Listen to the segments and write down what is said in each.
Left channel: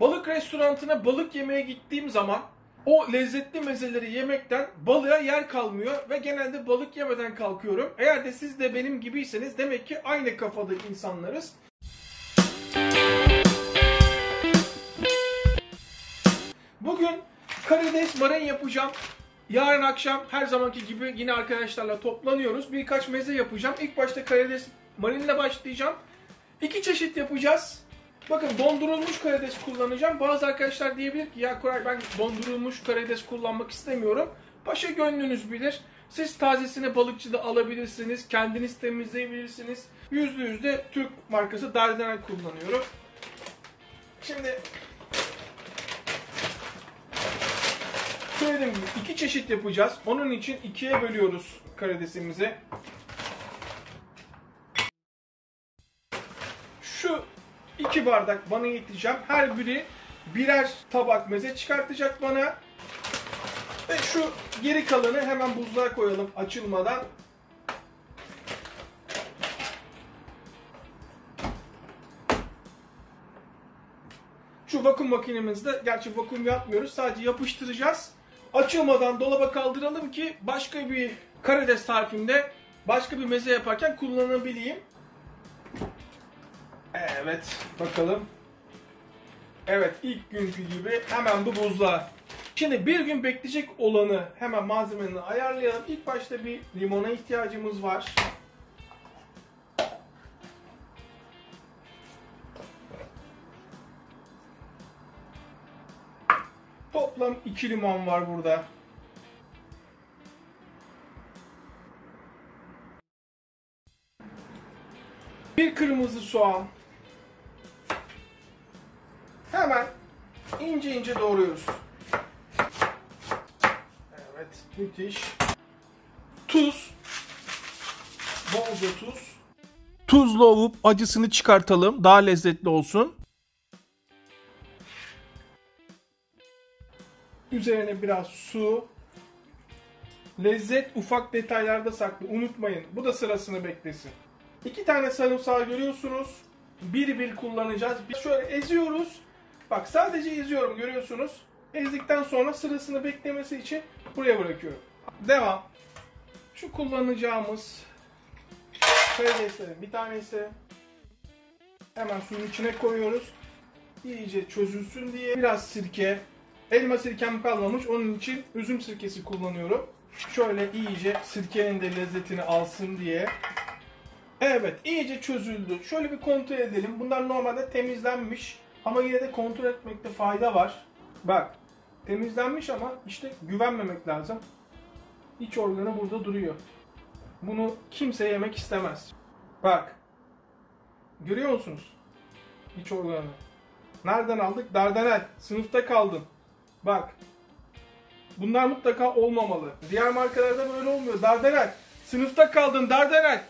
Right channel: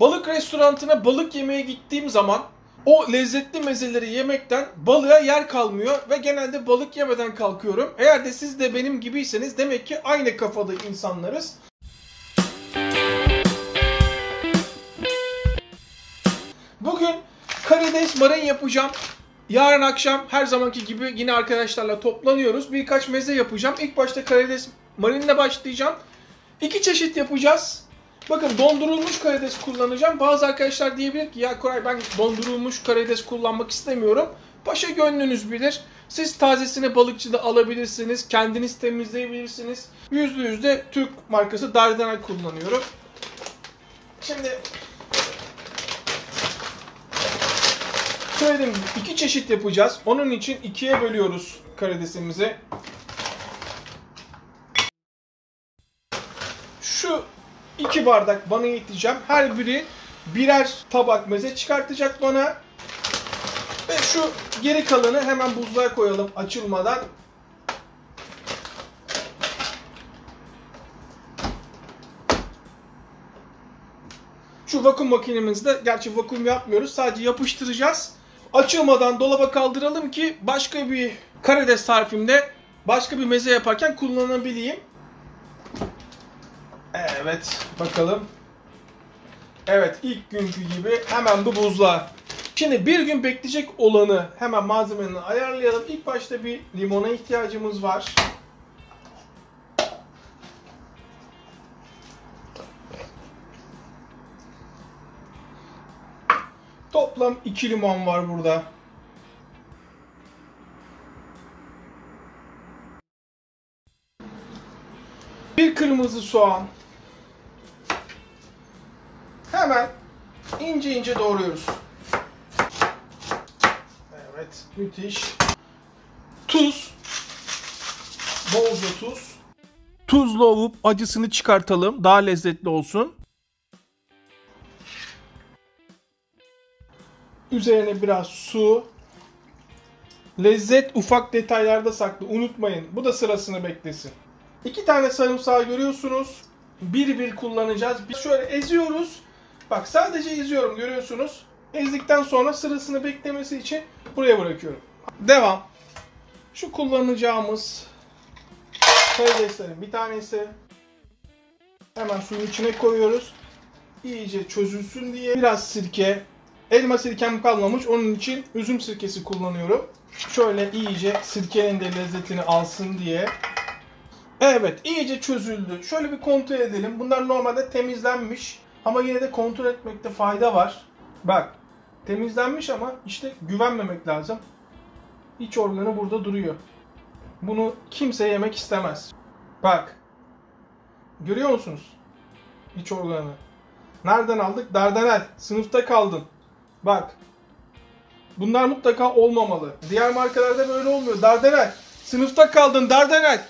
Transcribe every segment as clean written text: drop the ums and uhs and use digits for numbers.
Balık restoranına balık yemeye gittiğim zaman o lezzetli mezeleri yemekten balığa yer kalmıyor ve genelde balık yemeden kalkıyorum. Eğer de siz de benim gibiyseniz demek ki aynı kafada insanlarız. Bugün karides marin yapacağım. Yarın akşam her zamanki gibi yine arkadaşlarla toplanıyoruz. Birkaç meze yapacağım. İlk başta karides marinle başlayacağım. 2 çeşit yapacağız. Bakın dondurulmuş karides kullanacağım. Bazı arkadaşlar diyebilir ki ya Koray ben dondurulmuş karides kullanmak istemiyorum. Paşa gönlünüz bilir. Siz tazesini balıkçıda alabilirsiniz. Kendiniz temizleyebilirsiniz. %100 Türk markası Dardanel kullanıyorum. Şimdi söylediğim gibi 2 çeşit yapacağız. Onun için 2'ye bölüyoruz karidesimizi. Şu 2 bardak bana yeteceğim. Her biri birer tabak meze çıkartacak bana. Ve şu geri kalanı hemen buzluğa koyalım açılmadan. Şu vakum makinemizde, gerçi vakum yapmıyoruz, sadece yapıştıracağız. Açılmadan dolaba kaldıralım ki başka bir karides tarifimde, başka bir meze yaparken kullanabileyim. Evet, bakalım. Evet, ilk günkü gibi hemen bu buzluğa. Şimdi bir gün bekleyecek olanı hemen malzemelerini ayarlayalım. İlk başta bir limona ihtiyacımız var. Toplam 2 limon var burada. Bir kırmızı soğan. Hemen ince ince doğruyoruz. Evet, müthiş. Tuz. Bolca tuz. Tuzla ovup acısını çıkartalım. Daha lezzetli olsun. Üzerine biraz su. Lezzet ufak detaylarda saklı. Unutmayın. Bu da sırasını beklesin. 2 tane sarımsağı görüyorsunuz. Bir kullanacağız. Biz şöyle eziyoruz. Bak sadece eziyorum, görüyorsunuz. Ezdikten sonra sırasını beklemesi için buraya bırakıyorum. Devam. Şu kullanacağımız karideslerin bir tanesi. Hemen suyun içine koyuyoruz. İyice çözülsün diye biraz sirke. Elma sirkem kalmamış, onun için üzüm sirkesi kullanıyorum. Şöyle iyice sirkenin de lezzetini alsın diye. Evet, iyice çözüldü. Şöyle bir kontrol edelim. Bunlar normalde temizlenmiş. Ama yine de kontrol etmekte fayda var. Bak, temizlenmiş ama işte güvenmemek lazım. İç organı burada duruyor. Bunu kimse yemek istemez. Bak, görüyor musunuz? İç organı. Nereden aldık? Dardanel. Sınıfta kaldın. Bak. Bunlar mutlaka olmamalı. Diğer markalarda böyle olmuyor. Dardanel. Sınıfta kaldın Dardanel.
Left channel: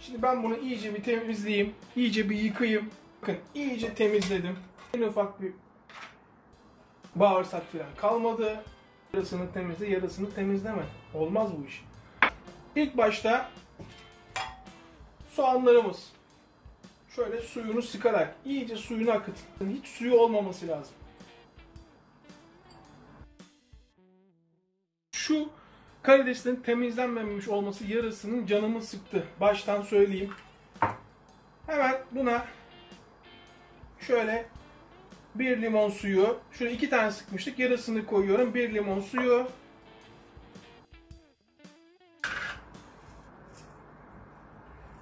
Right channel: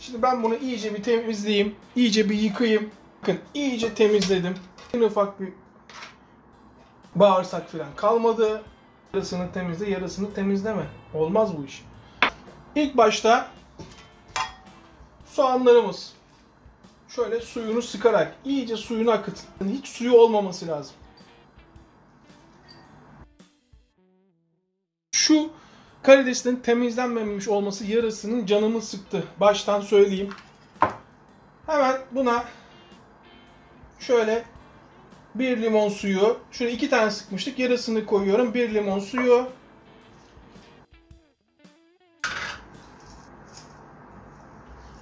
Şimdi ben bunu iyice bir temizleyeyim. İyice bir yıkayayım. Bakın iyice temizledim. En ufak bir bağırsak falan kalmadı. Yarısını temizle, yarısını temizleme. Olmaz bu iş. İlk başta soğanlarımız. Şöyle suyunu sıkarak iyice suyunu akıtın. Hiç suyu olmaması lazım. Şu karidesin temizlenmemiş olması yarısının canımı sıktı. Baştan söyleyeyim. Hemen buna şöyle 1 limon suyu. Şöyle 2 tane sıkmıştık. Yarısını koyuyorum. 1 limon suyu.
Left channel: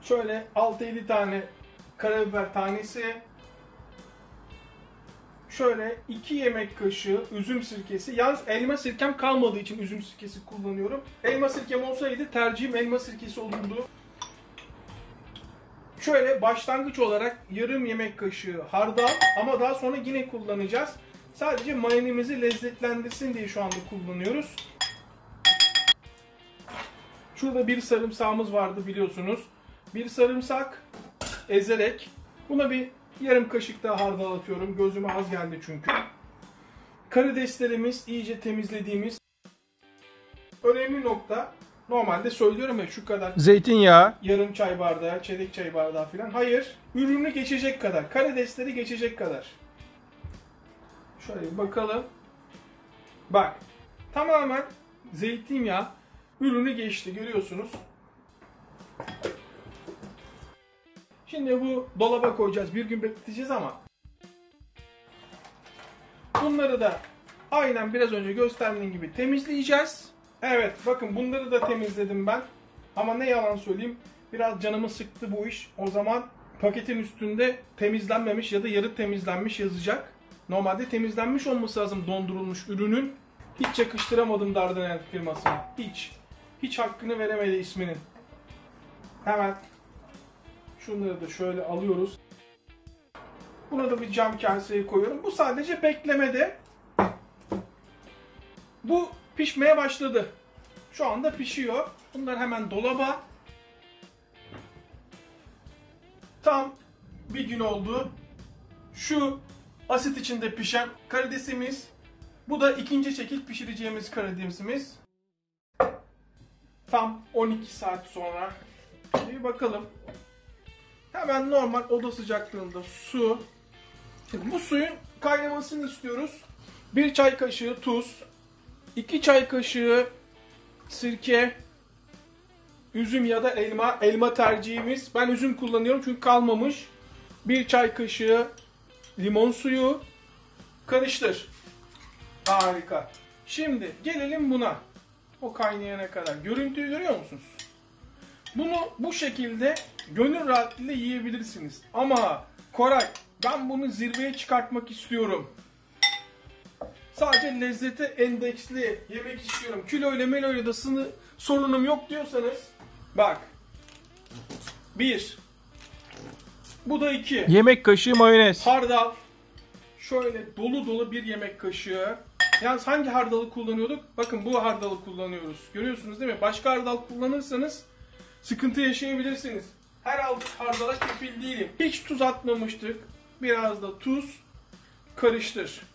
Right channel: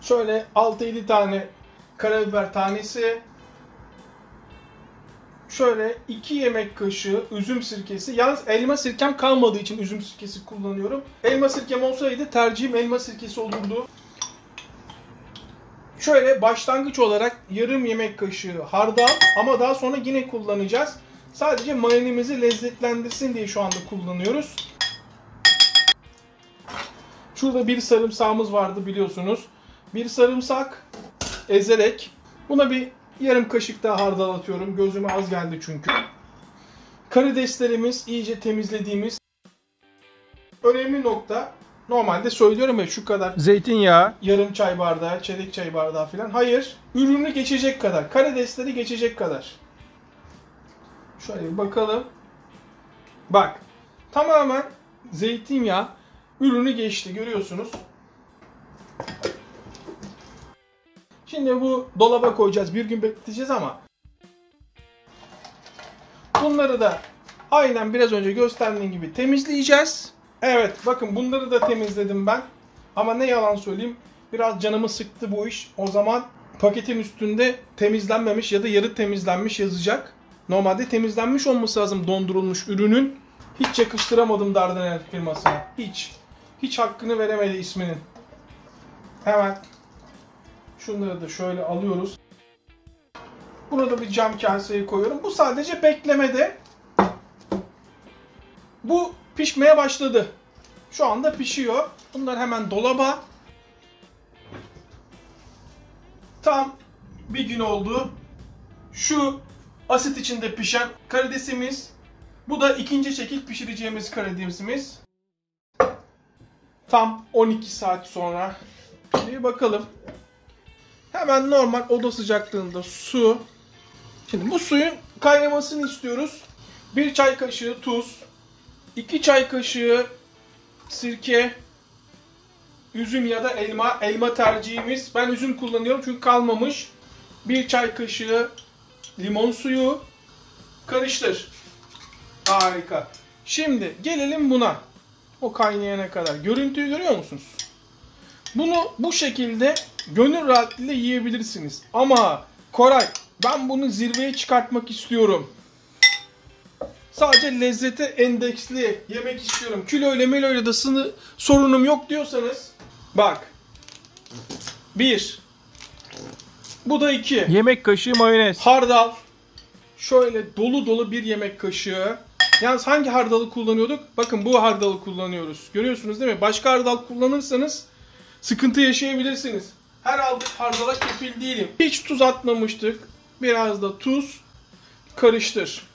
Şöyle 6-7 tane karabiber tanesi. Şöyle 2 yemek kaşığı üzüm sirkesi. Yalnız elma sirkem kalmadığı için üzüm sirkesi kullanıyorum. Elma sirkem olsaydı tercihim elma sirkesi olurdu. Şöyle başlangıç olarak yarım yemek kaşığı hardal, ama daha sonra yine kullanacağız. Sadece marinemizi lezzetlendirsin diye şu anda kullanıyoruz. Şurada bir sarımsağımız vardı biliyorsunuz. Bir sarımsak ezerek buna bir yarım kaşık daha hardal atıyorum. Gözüme az geldi çünkü. Karideslerimiz iyice temizlediğimiz. Önemli nokta, normalde söylüyorum ya şu kadar zeytinyağı, yarım çay bardağı, çeyrek çay bardağı falan. Hayır, ürünü geçecek kadar, karidesleri geçecek kadar. Şöyle bir bakalım. Bak. Tamamen zeytinyağı ürünü geçti. Görüyorsunuz. Şimdi bu dolaba koyacağız. Bir gün bekleteceğiz ama bunları da aynen biraz önce gösterdiğim gibi temizleyeceğiz. Evet, bakın bunları da temizledim ben. Ama ne yalan söyleyeyim, biraz canımı sıktı bu iş. O zaman paketin üstünde temizlenmemiş ya da yarı temizlenmiş yazacak. Normalde temizlenmiş olması lazım dondurulmuş ürünün. Hiç yakıştıramadım Dardanel firmasına. Hiç. Hiç hakkını veremedi isminin. Hemen şunları da şöyle alıyoruz. Bunu da bir cam kaseye koyuyorum. Bu sadece beklemede. Bu pişmeye başladı. Şu anda pişiyor. Bunlar hemen dolaba. Tam bir gün oldu. Şu asit içinde pişen karidesimiz. Bu da ikinci şekil pişireceğimiz karidesimiz. Tam 12 saat sonra. Bir bakalım. Hemen normal oda sıcaklığında su. Şimdi bu suyun kaynamasını istiyoruz. 1 çay kaşığı tuz, 2 çay kaşığı sirke, üzüm ya da elma. Elma tercihimiz. Ben üzüm kullanıyorum çünkü kalmamış. 1 çay kaşığı limon suyu. Karıştır. Harika. Şimdi gelelim buna. O kaynayana kadar. Görüntüyü görüyor musunuz? Bunu bu şekilde gönül rahatlığıyla yiyebilirsiniz. Ama Koray, ben bunu zirveye çıkartmak istiyorum. Sadece lezzete endeksli yemek istiyorum. Kiloyla meloyla da sorunum yok diyorsanız bak. 1. Bu da 2. Yemek kaşığı mayonez. Hardal. Şöyle dolu dolu bir yemek kaşığı. Yalnız hangi hardalı kullanıyorduk? Bakın bu hardalı kullanıyoruz. Görüyorsunuz değil mi? Başka hardal kullanırsanız sıkıntı yaşayabilirsiniz. Her hardala kefil değilim. Hiç tuz atmamıştık. Biraz da tuz. Karıştır.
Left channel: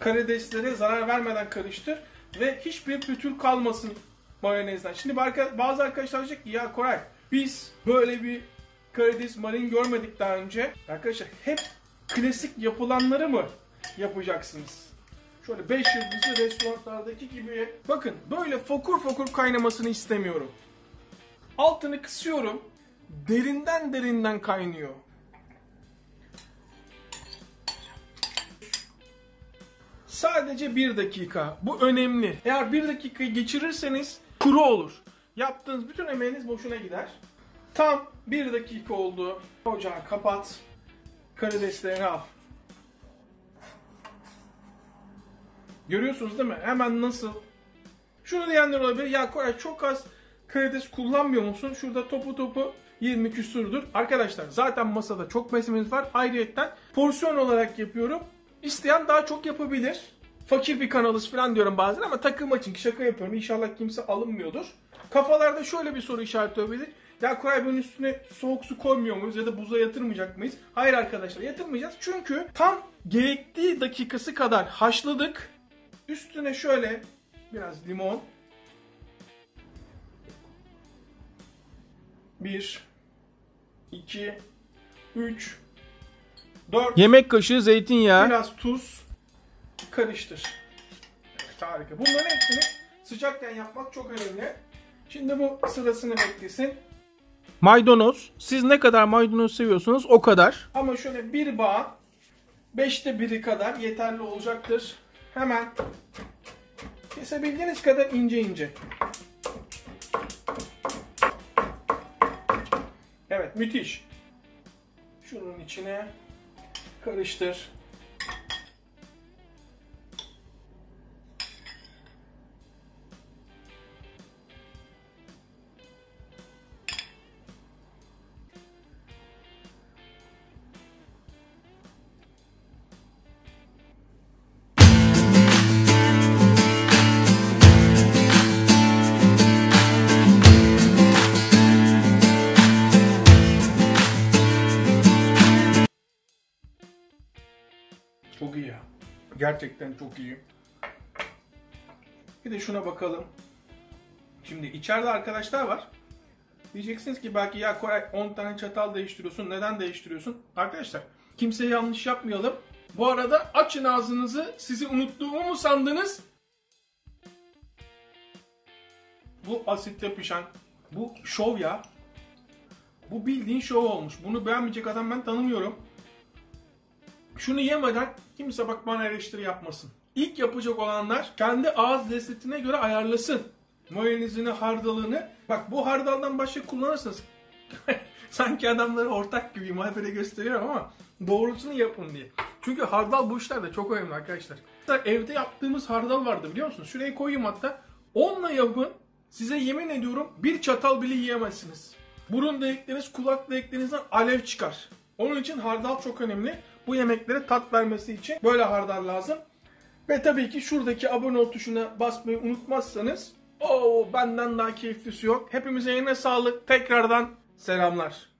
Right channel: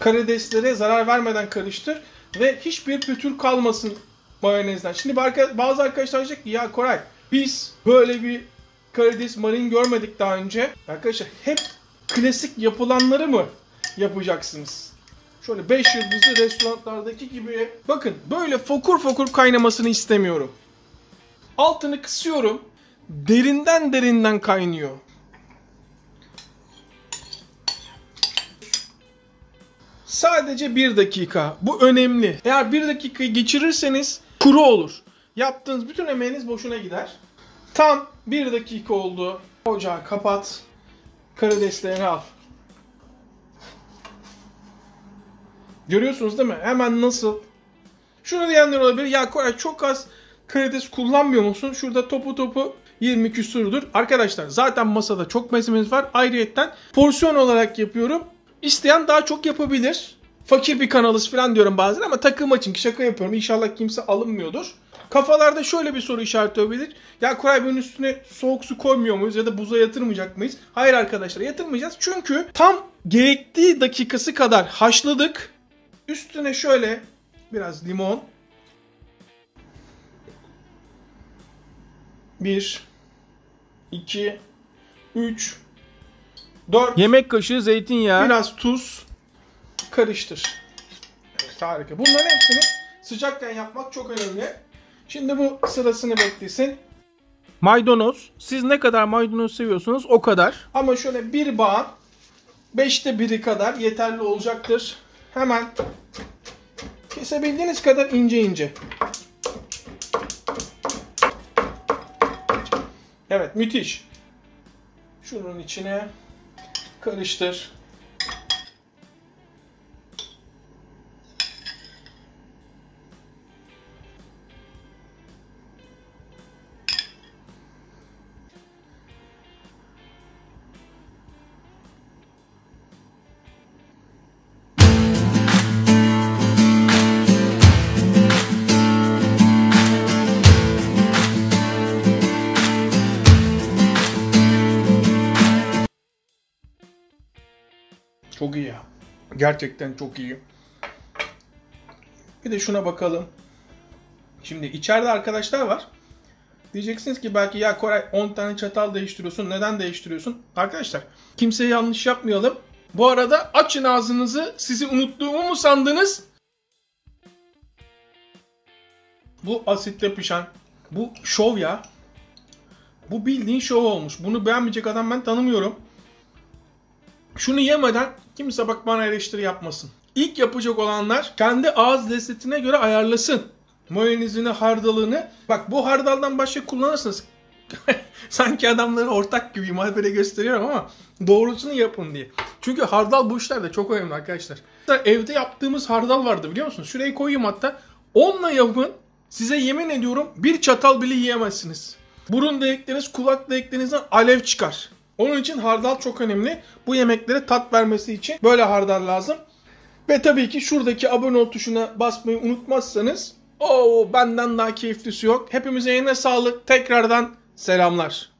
Karideslere zarar vermeden karıştır. Ve hiçbir pütür kalmasın mayonezden. Şimdi bazı arkadaşlar diyecek ki ya Koray, biz böyle bir karides marin görmedik daha önce. Arkadaşlar hep klasik yapılanları mı yapacaksınız? Şöyle 5 yıldızlı restoranlardaki gibi. Bakın böyle fokur fokur kaynamasını istemiyorum. Altını kısıyorum. Derinden kaynıyor. Sadece 1 dakika. Bu önemli. Eğer 1 dakikayı geçirirseniz kuru olur. Yaptığınız bütün emeğiniz boşuna gider. Tam 1 dakika oldu. Ocağı kapat. Karideslerini al. Görüyorsunuz değil mi? Hemen nasıl? Şunu diyenler olabilir. Ya Koray çok az karides kullanmıyor musun? Şurada topu 20 küsurdur. Arkadaşlar zaten masada çok malzememiz var. Ayrıyetten porsiyon olarak yapıyorum. İsteyen daha çok yapabilir. Fakir bir kanalız falan diyorum bazen ama takılma için şaka yapıyorum. İnşallah kimse alınmıyordur. Kafalarda şöyle bir soru işareti olabilir. Ya Koray bunun üstüne soğuk su koymuyor muyuz ya da buza yatırmayacak mıyız? Hayır arkadaşlar, yatırmayacağız. Çünkü tam gerektiği dakikası kadar haşladık. Üstüne şöyle biraz limon. 1 2 3 4 Yemek kaşığı zeytinyağı. biraz tuz, karıştır. Evet, harika. Bunların hepsini sıcakken yapmak çok önemli. Şimdi bu sırasını beklesin. Maydanoz. Siz ne kadar maydanoz seviyorsunuz o kadar. Ama şöyle bir bağın 5'te 1'i kadar yeterli olacaktır. Hemen kesebildiğiniz kadar ince ince. Evet, müthiş. Şunun içine karıştır. Çok iyi ya. Gerçekten çok iyi. Bir de şuna bakalım. Şimdi içeride arkadaşlar var. Diyeceksiniz ki belki ya Koray 10 tane çatal değiştiriyorsun. Neden değiştiriyorsun? Arkadaşlar kimseye yanlış yapmayalım. Bu arada açın ağzınızı, sizi unuttuğumu mu sandınız? Bu asitle pişen, bu şov ya. Bu bildiğin şov olmuş. Bunu beğenmeyecek adam ben tanımıyorum. Şunu yemeden kimse bak bana eleştiri yapmasın. İlk yapacak olanlar kendi ağız lezzetine göre ayarlasın. Mayonezini, hardalını. Bak bu hardaldan başka kullanırsınız. Sanki adamları ortak gibiyim. Habere gösteriyorum ama doğrusunu yapın diye. Çünkü hardal bu işlerde çok önemli arkadaşlar. Evde yaptığımız hardal vardı biliyor musunuz? Şuraya koyayım hatta. Onunla yapın. Size yemin ediyorum bir çatal bile yiyemezsiniz. Burun delikleriniz, kulak deliklerinizden alev çıkar. Onun için hardal çok önemli. Bu yemeklere tat vermesi için böyle hardal lazım. Ve tabii ki şuradaki abone ol tuşuna basmayı unutmazsanız benden daha keyiflisi yok. Hepimize yine sağlık. Tekrardan selamlar.